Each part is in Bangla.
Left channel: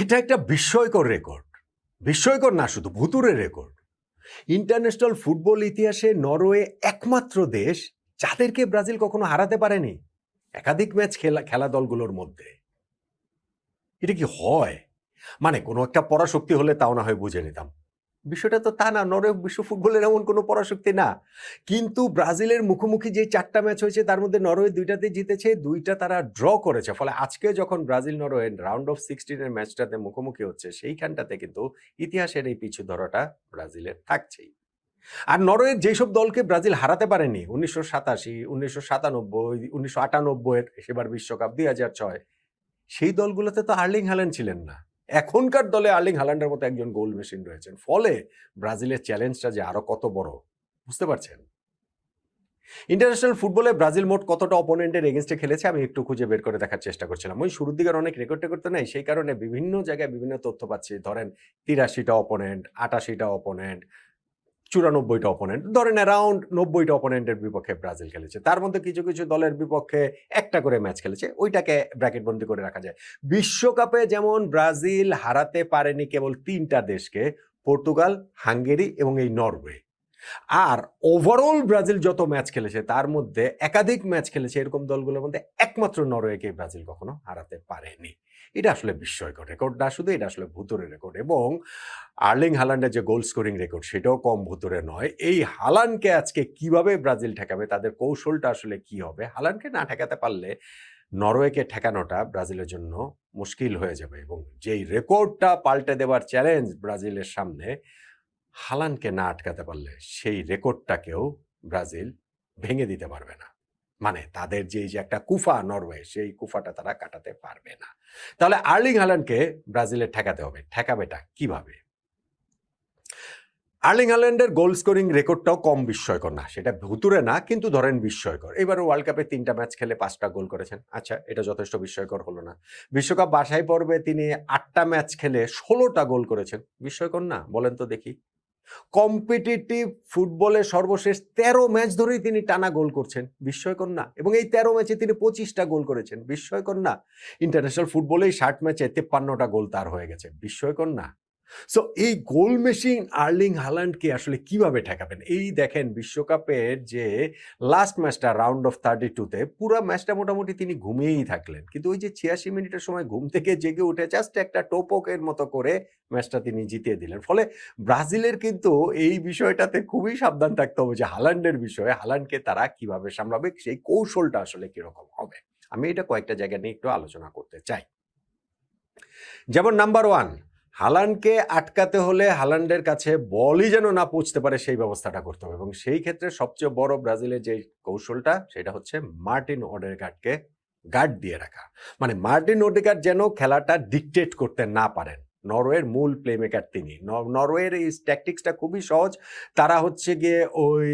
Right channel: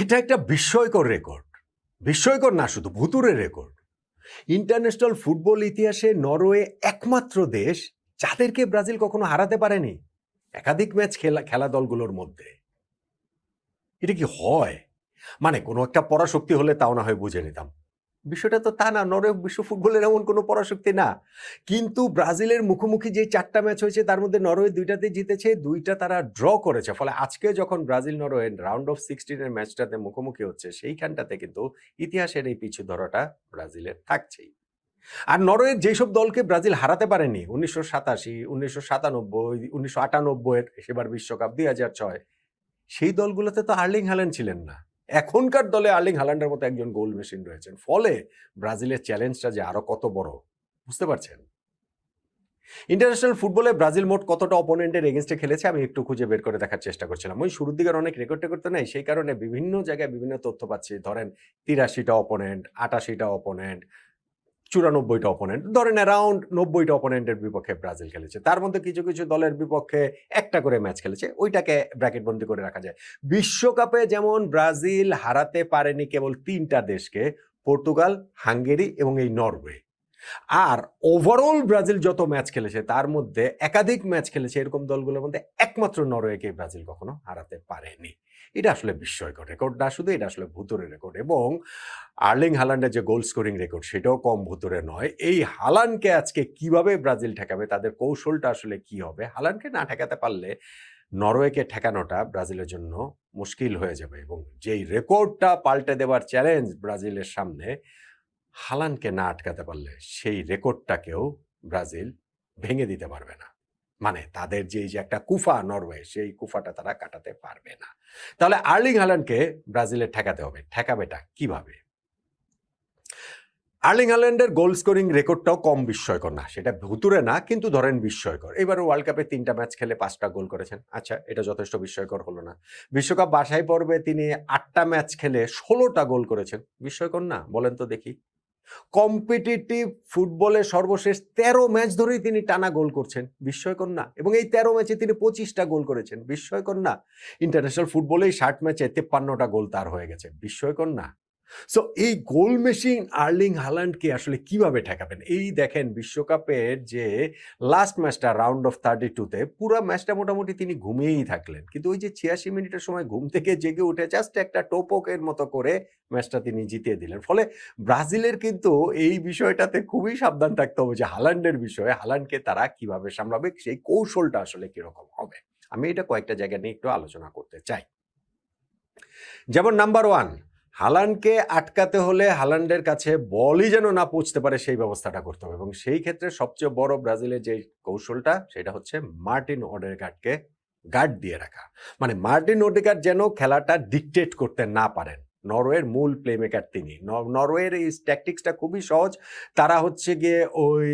এটা একটা বিস্ময়কর রেকর্ড। বিস্ময়কর না, শুধু ভুতুড়ে রেকর্ড। ইন্টারন্যাশনাল ফুটবল ইতিহাসে নরওয়ে একমাত্র দেশ যাদেরকে ব্রাজিল কখনো হারাতে পারেনি একাধিক ম্যাচ খেলা দলগুলোর মধ্যে। এটা কি হয়? মানে কোনো একটা পরাশক্তি হলে তাও না হয় বুঝে নিতাম। বিষয়টা তো তা না, নরওয়ে বিশ্ব ফুটবলের এমন কোনো পরাশক্তি না। কিন্তু ব্রাজিলের মুখোমুখি যে ৪টা ম্যাচ হয়েছে তার মধ্যে নরওয়ে ২টাতে জিতেছে, ২টা তারা ড্র করেছে। ফলে আজকে যখন ব্রাজিল নরওয়ে রাউন্ড অফ 16 এর ম্যাচটাতে মুখোমুখি হচ্ছে সেইখানটাতে কিন্তু ইতিহাসের এই পিছু ধরাটা ব্রাজিলের থাকছেই। আর নরওয়ের যেসব দলকে ব্রাজিল হারাতে পারেনি ১৯৮৭, ১৯৯৭, ১৯৯৮, সেবার বিশ্বকাপ ২০০৬, সেই দলগুলোতে তো আর্লিং হাল্যান্ড ছিলেন না। এখনকার দলে আর্লিং হাল্যান্ডের মতো একজন গোল মেশিন রয়েছেন। ফলে ব্রাজিলের চ্যালেঞ্জটা যে আরো কত বড়, বুঝতে পারছেন? ইন্টারন্যাশনাল ফুটবলে ব্রাজিল মোট কতটা অপোনেন্টের এগেনস্টে খেলেছে আমি একটু খুঁজে বের করে দেখার চেষ্টা করছিলাম। ওই শুরুর দিকের অনেক রেকর্ড টেকর্ড তো নেই, সেই কারণে বিভিন্ন জায়গায় বিভিন্ন তথ্য পাচ্ছি। ধরেন ৮৩টা অপোনেন্ট, ৮৮টা অপোনেন্ট, ৯৪টা অপোনেন্ট, ধরেন অ্যারাউন্ড ৯০টা অপোনেন্টের বিপক্ষে ব্রাজিল খেলেছে। তার মধ্যে কিছু কিছু দলের বিপক্ষে একটা করে ম্যাচ খেলেছে, ওইটাকে ব্র্যাকেট বন্দি করে রাখা যায়। বিশ্বকাপে যেমন ব্রাজিল হারাতে পারেনি কেবল ৩টা দেশকে, পর্তুগাল, হাঙ্গেরি এবং এই নরওয়ে। আর ওভারঅল ব্রাজিল যত ম্যাচ খেলেছে তার মধ্যে একাধিক ম্যাচ খেলেছে এরকম দলগুলোর মধ্যে একমাত্র নরওয়েকে ব্রাজিল কখনো হারাতে পারেনি। এটা আসলে বিস্ময়কর রেকর্ড না, শুধু এটা আসলে ভুতুরে রেকর্ড। এবং আর্লিং হাল্যান্ডের যে গোল স্কোরিং রেকর্ড সেটাও কম ভুতুরে নয়। এই হালান্ডকে আজকে কিভাবে ব্রাজিল ঠেকাবে, তাদের কৌশলটা আসলে কি হবে, হালান্ডকে না ঠেকাতে পারলে নরওয়েকে ঠেকানোটা ব্রাজিলের জন্য মুশকিল হয়ে যাবে। এবং যেই রেকর্ডটা পাল্টে দেওয়ার চ্যালেঞ্জ ব্রাজিলের সামনে, হালান্ডকে না আটকাতে পারলে সেই রেকর্ডটাকেও ব্রাজিল ভেঙে দিতে পারবে না। মানে তাদের যে একটা কুফা নরওয়ে, সেই কুফাটা তারা কাটাতে পারবে না। তাহলে আর্লিং হাল্যান্ডকে ব্রাজিলের ঠেকাতে হবে। ঠেকাবেটা কিভাবে? আর্লিং হাল্যান্ডের গোল স্কোরিং রেকর্ডটাও কম বিস্ময়কর না, সেটা ভুতুরে না, কিন্তু ধরেন বিস্ময়কর। এবারে ওয়ার্ল্ড কাপে ৩টা ম্যাচ খেলে ৫টা গোল করেছেন। আচ্ছা, এটা যথেষ্ট বিস্ময়কর হলো না? বিশ্বকাপ বাছাই পর্বে তিনি ৮টা ম্যাচ খেলে ১৬টা গোল করেছেন। বিস্ময়কর না? বলেন তো দেখি। কম্পিটিটিভ ফুটবলে সর্বশেষ ১৩ ম্যাচ ধরেই তিনি টানা গোল করছেন। বিস্ময়কর না? এবং এই ১৩ ম্যাচে তিনি ২৫টা গোল করেছেন। বিস্ময়কর না? ইন্টারন্যাশনাল ফুটবলে ৬০ ম্যাচে ৫৩টা গোল তার হয়ে গেছে। বিস্ময়কর না? সো এই গোল মেশিন আর্লিং হাল্যান্ডকে আসলে কিভাবে ঠেকাবেন? এই দেখেন বিশ্বকাপের যে লাস্ট ম্যাচটা রাউন্ড অফ 32 তে পুরা ম্যাচটা মোটামুটি তিনি ঘুমিয়েই থাকলেন। কিন্তু ওই যে ৮৬ মিনিটের সময় ঘুম থেকে জেগে উঠে জাস্ট একটা টোপকের মতো করে ম্যাচটা তিনি জিতিয়ে দিলেন। ফলে ব্রাজিলের কিন্তু এই বিষয়টাতে খুবই সাবধান থাকতে হবে যে হাল্যান্ডের বিষয়ে, হাল্যান্ডকে তারা কিভাবে সামলাবে, সেই কৌশলটা আসলে কিরকম হবে। আমি এটা কয়েকটা জায়গা নিয়ে একটু আলোচনা করতে চাই। যেমন নাম্বার ১, হালান্ডকে আটকাতে হলে হালান্ডের কাছে বলই যেন না পৌঁছতে পারে সেই ব্যবস্থাটা করতে হবে। এবং সেই ক্ষেত্রে সবচেয়ে বড় ব্রাজিলের যে কৌশলটা সেটা হচ্ছে মার্টিন ওডেগার্ডকে গার্ড দিয়ে রাখা। মানে মার্টিন ওডেগার্ড যেন খেলাটা ডিকটেট করতে না পারেন। নরওয়ের মূল প্লেমেকার তিনি। নরওয়ের এই ট্যাকটিক্সটা খুবই সহজ। তারা হচ্ছে গিয়ে ওই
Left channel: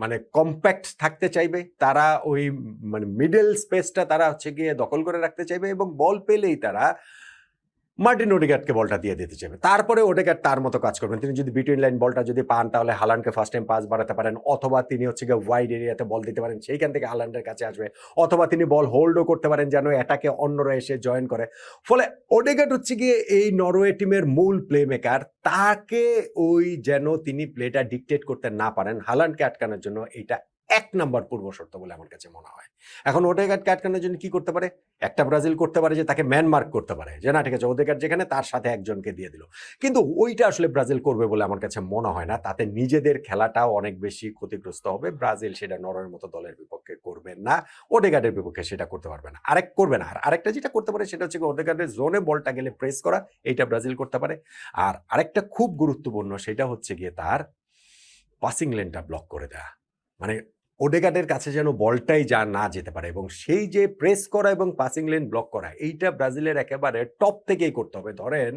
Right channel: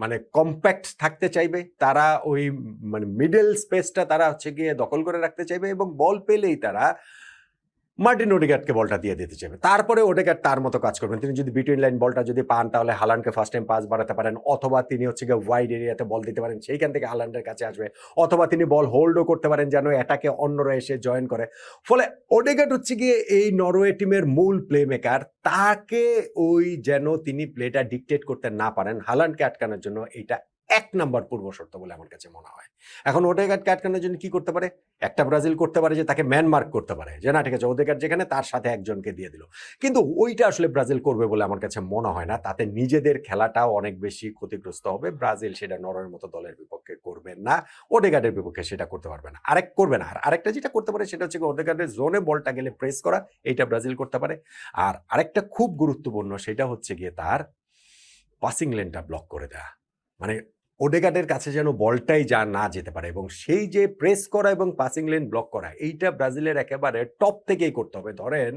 মানে কম্প্যাক্ট থাকতে চাইবে, তারা ওই মানে মিডল স্পেসটা তারা হচ্ছে গিয়ে দখল করে রাখতে চাইবে এবং বল পেলেই তারা মার্টিন ওডেগার্ডকে বলটা দিয়ে দিতে চাইবে। তারপরে ওডেগার্ড তার মতো কাজ করবেন। তিনি যদি বিটুইন লাইন বলটা যদি পান তাহলে হালান্ডকে ফার্স্ট টাইম পাস বাড়াতে পারেন, অথবা তিনি হচ্ছে গিয়ে ওয়াইড এরিয়াতে বল দিতে পারেন, সেইখান থেকে হালান্ডের কাছে আসবে, অথবা তিনি বল হোল্ডও করতে পারেন যেন এটাকে অন্যরা এসে জয়েন করে। ফলে ওডেগার্ড হচ্ছে গিয়ে এই নরওয়ে টিমের মূল প্লে মেকার। তাকে ওই যেন তিনি প্লেটা ডিকটেট করতে না পারেন, হালান্ডকে আটকানোর জন্য এইটা ১ নাম্বার পূর্ব শর্ত বলে আমার কাছে মনে হয়। এখন ওডেগার্ডকে আটকানোর জন্য কি করতে পারে? একটা ব্রাজিল করতে পারে যে তাকে ম্যান মার্ক করতে পারে, যে না ঠিক আছে ওদেরকার যেখানে তার সাথে একজনকে দিয়ে দিল। কিন্তু ওইটা আসলে ব্রাজিল করবে বলে আমার কাছে মনে হয় না। তাতে নিজেদের খেলাটাও অনেক বেশি ক্ষতিগ্রস্ত হবে। ব্রাজিল সেটা নরওয়ের মতো দলের বিপক্ষে করবে না, ওডেগার্ডের বিপক্ষে সেটা করতে পারবে না। করবে না। আর আরেকটা যেটা করতে পারে সেটা হচ্ছে ওডেগার্ডের জোনে বলটা গেলে প্রেস করা, এইটা ব্রাজিল করতে পারে। আর আরেকটা খুব গুরুত্বপূর্ণ সেটা হচ্ছে গিয়ে তার পাসিং লেনটা ব্লক করে দেয়া। মানে ওডেগার্ডের কাছে যেন বলটাই না যেতে পারে, এবং সেই যে প্রেস করা এবং পাসিং লেন ব্লক করা, এইটা ব্রাজিলের একেবারে টপ থেকেই করতে হবে। ধরেন